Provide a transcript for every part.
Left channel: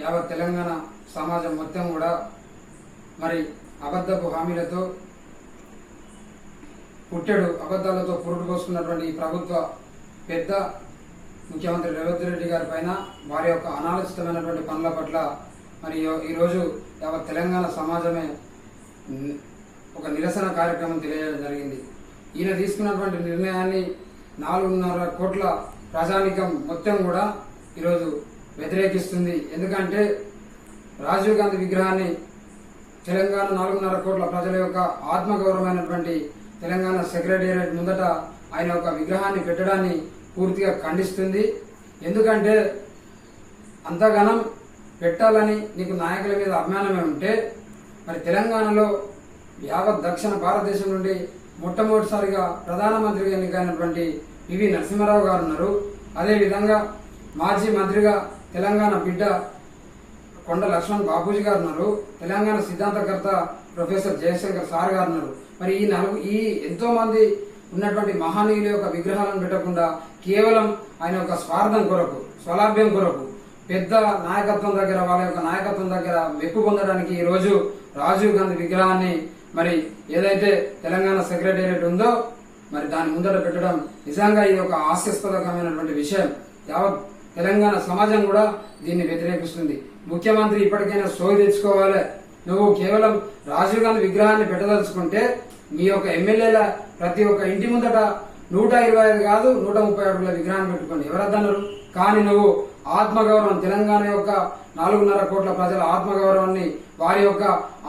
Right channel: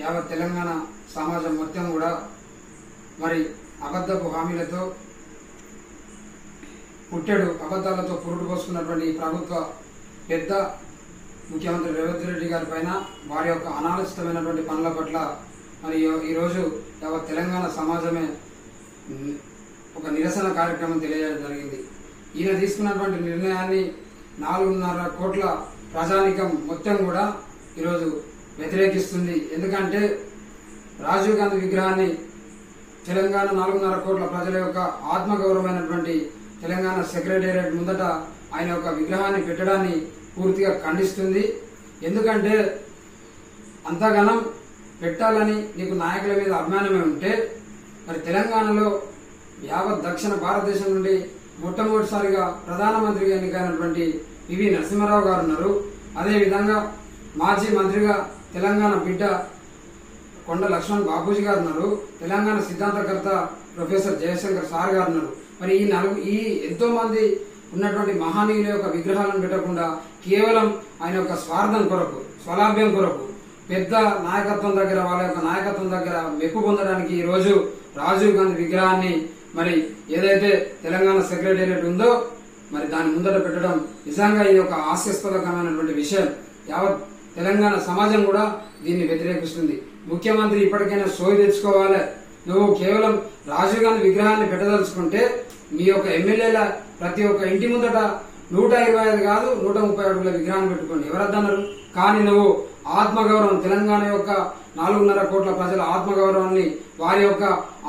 యావత్ తెలంగాణ సమాజం మొత్తం కూడా మరి అబద్ధపు హామీలతో అబద్ధాలతో పురుడు పోసుకున్నటువంటి ఈ ప్రభుత్వ పెద్ద ముఖ్యమంత్రి రేవంత్ రెడ్డి గారి పైన వారి యొక్క అనాలోచితమైనటువంటి పనుల పట్ల మరి ఈరోజు యావత్ తెలంగాణ సమాజమే ఒక నిరసన కార్యక్రమం తెలియజేయడం జరిగింది. ఈయన తీసుకున్నటువంటి నిర్ణయాన్ని 4.5 కోట్ల ప్రజానీకం మొత్తం కూడా ఈరోజు వ్యతిరేకిస్తుంది. ఎందుకంటే రాజీవ్ గాంధీ విగ్రహాన్ని తెలంగాణ 4.5 కోట్ల ప్రజల యొక్క ఆత్మగౌరవమైనటువంటి తెలంగాణ సెక్రటేరియట్ ముందట ఆయన ఒక విగ్రహాన్ని పెట్టడాన్ని పూర్తిగా ఖండిస్తుంది. ఎందుకంటే అంతగానం పెట్టాలని నీకు నాయకుల మీద అభిమానమే ఉంటే మరి తెలంగాణలో యావత్ దక్షిణ భారతదేశం నుండి మొట్టమొదటిసారిగా ప్రధానమంత్రిగా ఎన్నికైనటువంటి పివి నరసింహారావు గారు ఉన్నారు. అదేవిధంగా మాజీ మంత్రిగా తెలంగాణ బిడ్డ కొండ లక్ష్మణ్ బాబూజీ గారు ఉన్నారు. తెలంగాణ సిద్ధాంతకర్త ప్రొఫెసర్ జయశంకర్ సార్ గారు ఉన్నారు. మరి ఈ ఎంతో మంది ఉన్నటువంటి మహానీయుల యొక్క విగ్రహాలను పెట్టకుండా కేవలం ఆయన యొక్క స్వార్థం కొరకు, స్వలాభ్యం కొరకు పెద్ద నాయకత్వం దగ్గర, వాళ్ళ యొక్క నాయకత్వం దగ్గర మెప్పు పొందడానికి ఈ రోజు రాజీవ్ గాంధీ విగ్రహాన్ని మరి ఏదైతే తెలంగాణ సెక్రటేరియట్ ఉందో మరి దాని ముందట పెట్టడం నిజంగా ఇది ఒక హాస్యాస్పదకమైనటువంటి విషయం. యావత్ తెలంగాణ సమాజం కూడా దీన్ని వ్యతిరేకిస్తుంది. ముఖ్యమంత్రి ఇప్పటికైనా సోయి తెచ్చుకోవాలి. నువ్వు కేవలం రాజీవ్ గాంధీ విగ్రహాన్ని పెట్టదలుచుకుంటే నీ యొక్క ఎమ్మెల్యేల ప్రతి ఒక్క ఇంటి ముందట 125 కాదు 130 అడుగుల విగ్రహాన్ని పెట్టుకోండి, ఎవరద్దన్నారు. కానీ నువ్వు ఆత్మగౌరవం, తెలంగాణ యొక్క 4.5 కోట్ల ప్రజల ఆత్మగౌరవాన్ని, వారి యొక్క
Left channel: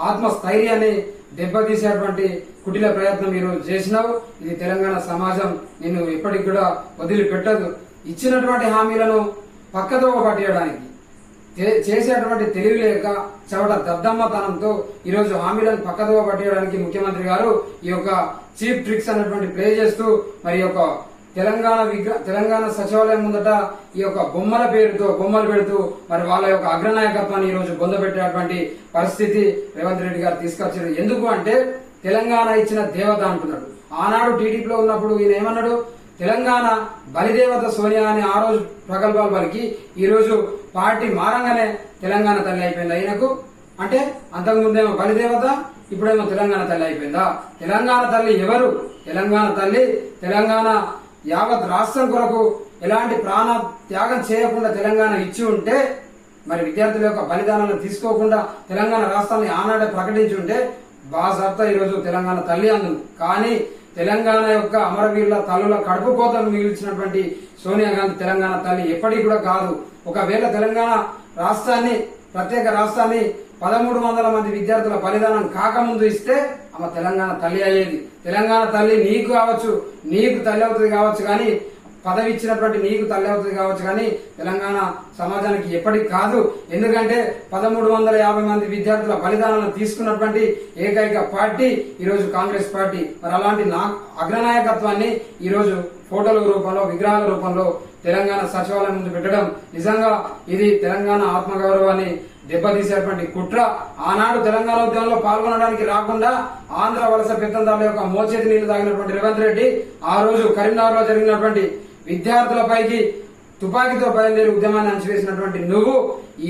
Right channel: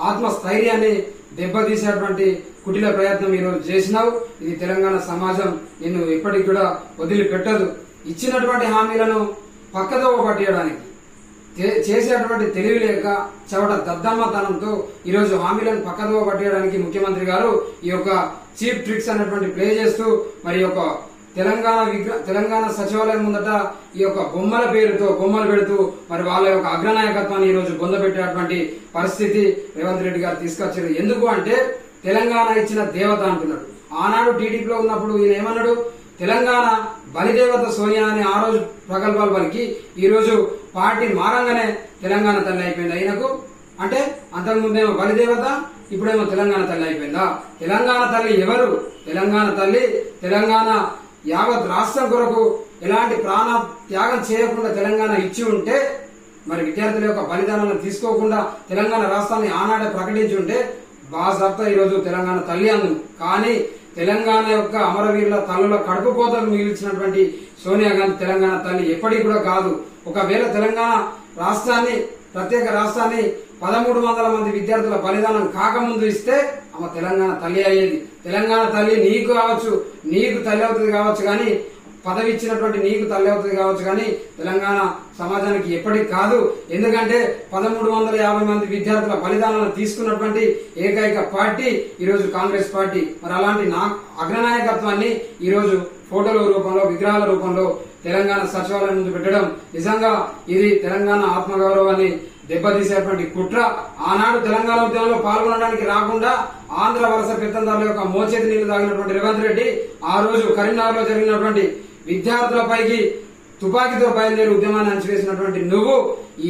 ఆత్మస్థైర్యాన్ని దెబ్బతీసేటువంటి కుటిల ప్రయత్నం ఈరోజు చేసినావు. ఇది తెలంగాణ సమాజం నిన్ను ఇప్పటికి కూడా వదిలిపెట్టదు. ఇచ్చినటువంటి హామీలను పక్కదోవ పట్టేయడానికి చేసేటువంటి తెలివి లేక చవట దద్దమ్మతనంతో ఈరోజు హామీలను పక్కదోవ పట్టేయడానికి ముఖ్యమంత్రి గారు ఈ యొక్క చీప్ ట్రిక్స్ అనేటువంటి ప్లే చేస్తూ మరి యొక్క తెలంగాణ సచివాలయం ముందట ఈ యొక్క బొమ్మలు పెడుతూ మరి వాళ్ళ యొక్క అగ్రనాయకత్వాన్ని ఈ రోజు పొందబెట్టేటువంటి పరిస్థితి రేవంత్ రెడ్డి గారు తీసుకొచ్చారు. ఎందుకు అంటే తెలంగాణ ఇచ్చిన దేవత అంటున్నాడు. ఆనాడు టీడీపీలో ఉన్నప్పుడు ఈయన ఏమన్నాడు, తెలంగాణ బలిదేవత సోనియా అని ఆ రోజు ప్రగల్భాలు పలికి ఈ రోజు పార్టీ మారంగానే తెలంగాణ తల్లి అయిపోయింది ఆయనకు. అంటే అంతకుముందేమో బలిదేవత, ఇప్పుడేమో తెలంగాణ తల్లి అయిపోయిందా? తెలంగాణ తల్లి ఎవరు? తెలంగాణ తల్లి తెలంగాణ యావత్ రాష్ట్రం కొరకు ఎలాంటి ప్రాణ త్యాగం చేయకుండా తెలంగాణ ఇచ్చి ఉంటే, మరి విద్యార్థుల యొక్క బలిదానాలను తీసుకోకుండా తెలంగాణ రాష్ట్రాన్ని ఆనాడే ప్రకటించి ఉంటే బాజాప్తా ఈరోజు తెలంగాణ తల్లి అందు. కానీ తెలంగాణ యొక్క అమరవీరుల తల్లుల కడుపు కోతలు మిగిల్చినటువంటి సోనియా గాంధీ తెలంగాణ తల్లి ఎప్పటికి కూడా కాదు. ఒకవేళ తెలంగాణ రాష్ట్రాన్ని, ప్రత్యేక రాష్ట్రాన్ని 1300 మంది విద్యార్థుల బలిదానం కాకముందు ఇస్తే ఆమె తెలంగాణ తల్లి అయ్యేది. తెలంగాణ తల్లి నీకు కావచ్చు, నీకు తల్లి అవుతుంది కావచ్చు, కానీ పదవి ఇచ్చినటువంటి నీకు తల్లి అవుతుంది కావచ్చు, కానీ తెలంగాణ సమాజానికి ఎప్పటికి కాదు. ఎందుకంటే 1350 మంది విద్యార్థుల బలిదానాలను తీసుకున్నటువంటి ఏకైక పార్టీ ఈరోజు కాంగ్రెస్ పార్టీ. మరి అలాంటి అగ్రనాయకత్వాన్ని ఈరోజు ఫోటోల రూపంలో, విగ్రహాల రూపంలో తెలంగాణ సచివాలయం ముందు పెట్టడం నిజంగా ఇది తెలంగాణ ఆత్మగౌరవాన్ని దెబ్బతీసేటువంటి కుట్ర. ఆనాడు తెలంగాణ ఉద్యమంలో పాల్గొనడానికి రాకుండా ఆంధ్ర వలస పెత్తందారుల యొక్క మోచేతి నీళ్లు తాగినటువంటి రేవంత్ రెడ్డి ఆ రోజు కరీంనగర్ లో జరిగినటువంటి విద్యార్థులపైకి తుపాకీతో బయలుదేరి ఉద్యమాన్ని అణచివేసినటువంటి నువ్వు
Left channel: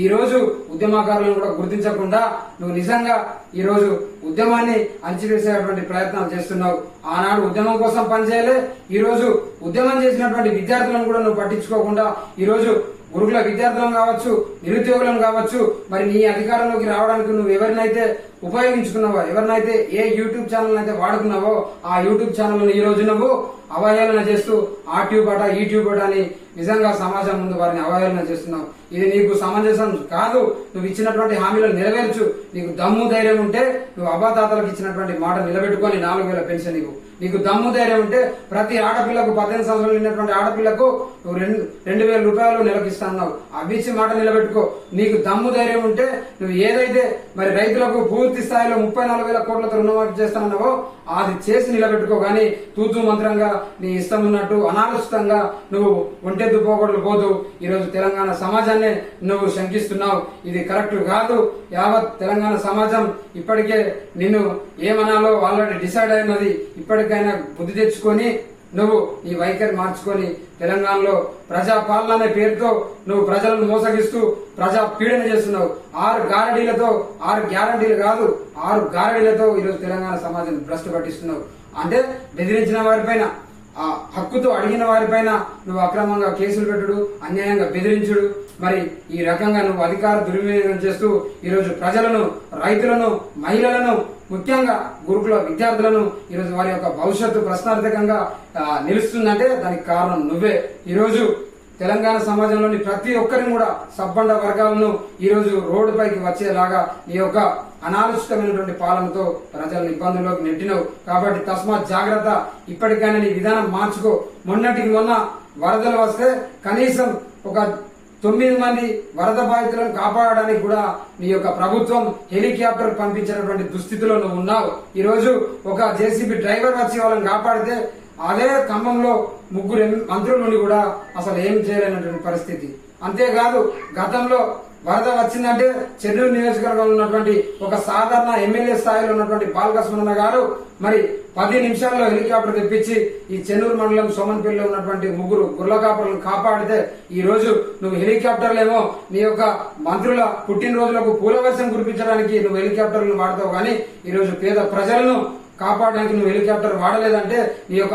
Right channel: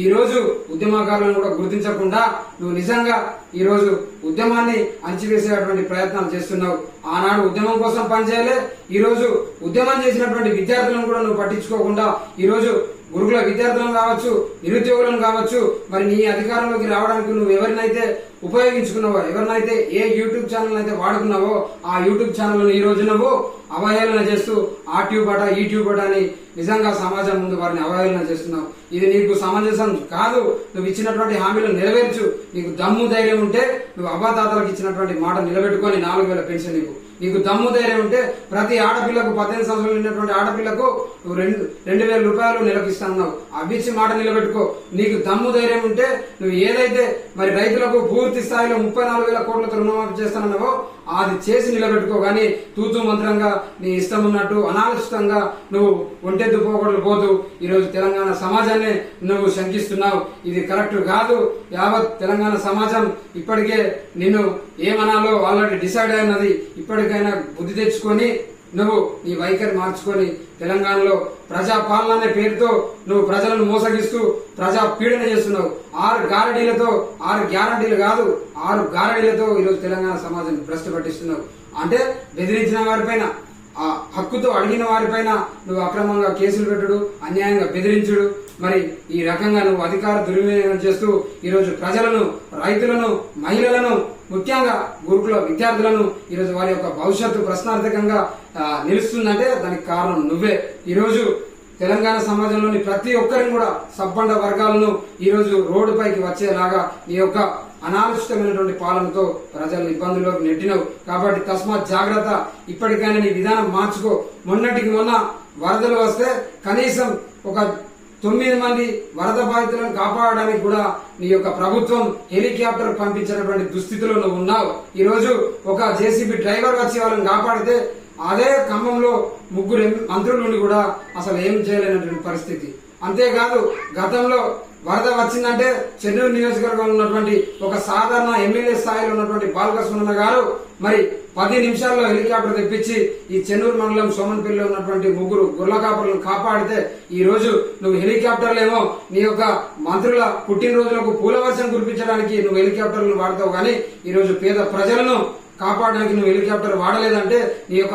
ఈ రోజు ఉద్యమకారులను కూడా గుర్తించకుండా నువ్వు నిజంగా ఈ రోజు ఉద్యమాన్ని అణచివేసేటువంటి ప్రయత్నాలు చేస్తున్నావు. ఆనాడు ఉద్యమం కోసం పనిచేయాలి, ఈ రోజు ఉద్యమం చేసినటువంటి విద్యార్థులను కూడా నువ్వు పట్టించుకోకుండా ఈ రోజు గురుకుల విద్యార్థులను కావచ్చు, నిరుద్యోగులను కావచ్చు, మరి నీ అధికారంలోకి రావడానికి నువ్వు ఎవరినైతే ఉపయోగించుకున్నావో, ఎవరినైతే ఏ యూట్యూబ్ ఛానల్ అయితే వాడుకున్నావో ఆ యూట్యూబ్ ఛానల్ ఈ రోజు నువ్వు అవహేళన చేస్తూ ఆ ట్యూబ్ అట ఈ ట్యూబ్ అట అని నిజంగా సమాజం ముందు వారిని అవహేళన చేస్తున్నావు. ఇది నీకు సమంజసం కాదు. నువ్వు ఇచ్చినటువంటి హామీలను నెరవేర్చు. నీకు దమ్ము ధైర్యం ఉంటే నువ్వు అవ్వాతాతలకు ఇచ్చినటువంటి మాట నిలబెట్టుకొని 4000 పెన్షన్ నీకు దమ్ము ధైర్యం ఉంటే ప్రతి ఆడపిల్లకు 18 సంవత్సరాలు ఉన్నటువంటి ఆడపిల్లకు 2000 రూపాయలు నెలకు ఇస్తున్నావు. అవిచ్చి మాట నిలబెట్టుకో. నీకు దమ్ము ధైర్యం ఉంటే నువ్వు ఏదైతే మరి రైతులకు పూర్తి స్థాయిలో 34,000 కోట్లతో రుణమాఫీ చేస్తానన్నావో అది చేసి నిలబెట్టుకో. కానీ తూతూ మంత్రంగా నీ ఇష్టం ఉన్నట్టు అనాలోచితంగా నువ్వు ఒంటెద్దు పోకూడదు పోతూ ఈరోజు తెలంగాణ సమాజాన్ని నువ్వు శంకిస్తున్నావు. ఇది కరెక్ట్ కాదు. యావత్ తెలంగాణ సమాజం ఇప్పటికే నిన్ను ఏమనాలో ఆల్రెడీ డిసైడ్ అయినది. ఇప్పటికైనా బుద్ధి తెచ్చుకొని నువ్వు నీ వైఖరి మార్చుకొని తెలంగాణలో ప్రజా పాలన అనే పేరుతో నువ్వు ప్రజలను మోసగిస్తూ ప్రజా పీడన చేస్తున్నావు. 6 గ్యారంటీలు కాదు 6 గారడీలతో ఈరోజు తెలంగాణ సమాజం భ్రష్టు పట్టిస్తున్నావు. అంటే బెదిరించిన వారిపైన, ఆ హక్కుతో అడిగిన వారిపైన నువ్వు అక్రమంగా కేసులు పెట్టుడు, అన్యాయంగా బెదిరించుడు, మరి ఈ రకంగా నువ్వు అధికార దుర్వినియోగం చేస్తూ ఈరోజు ప్రజలను, రైతులను, మహిళలను, ముఖ్యంగా గురుకుల విద్యార్థులను ఈరోజు వారి యొక్క భవిష్యత్తు ప్రశ్నార్థకంగా నిలుస్తుందంటే దానికి కారణం నువ్వే. ఈరోజు తెలంగాణ సమాజంలోని ప్రతి ఒక్కరిని కూడా సబ్బండ వర్గాలను ఈరోజు రోడ్డుపైకి వచ్చేలాగా నీ యొక్క అనాలోచితమైనటువంటి పాలనతో ప్రజలను ఇబ్బందుల్లోకి నెట్టినవు. కాబట్టి తస్మాత్ జాగ్రత్త, ఇప్పటికైనా నీ విధానం మార్చుకో. మొన్నటికి మొన్న వరదలు వస్తే కనీసం ఒక 9 మంది వరద బాధితులను కాపాడడానికి కూడా నీ యొక్క ప్రభుత్వం హెలికాప్టర్ పంపించినటువంటి దుస్థితిలో నువ్వు ఉన్నావు. ఈ రోజు ఒక జేసీబీ డ్రైవర్ వచ్చి వాళ్ళని కాపాడితే అదే ఖమ్మంలో 3 మంత్రుల నుండి కూడా అసలు ఏం చేయలేనటువంటి పరిస్థితి. అంతేకాదు గతంలో వరద వచ్చిందంటే చెన్నూరు నియోజకవర్గంలో ఉన్నటువంటి ఒక సాధారణ ఎమ్మెల్యే స్థాయిలో ఉన్నటువంటి బాలకృష్ణ గారు మరి 10 నిమిషాల్లో హెలికాప్టర్ తెప్పించి ఈ చెన్నూరు మండలం సోమన్పల్లిలో ఉన్నటువంటి 3 గుర్ల కాపర్లను కాపాడితే ఈ రోజు నువ్వు హెలికాప్టర్లేమో నీ యొక్క మంత్రుల పుట్టినరోజులకు పూలవర్షం కురిపించడానికి నువ్వు హెలికాప్టర్లను వాడతావు, కానీ ఈ రోజు పేద ప్రజలను కాపాడడానికి నువ్వు హెలికాప్టర్ వాడలేదంటే నీ యొక్క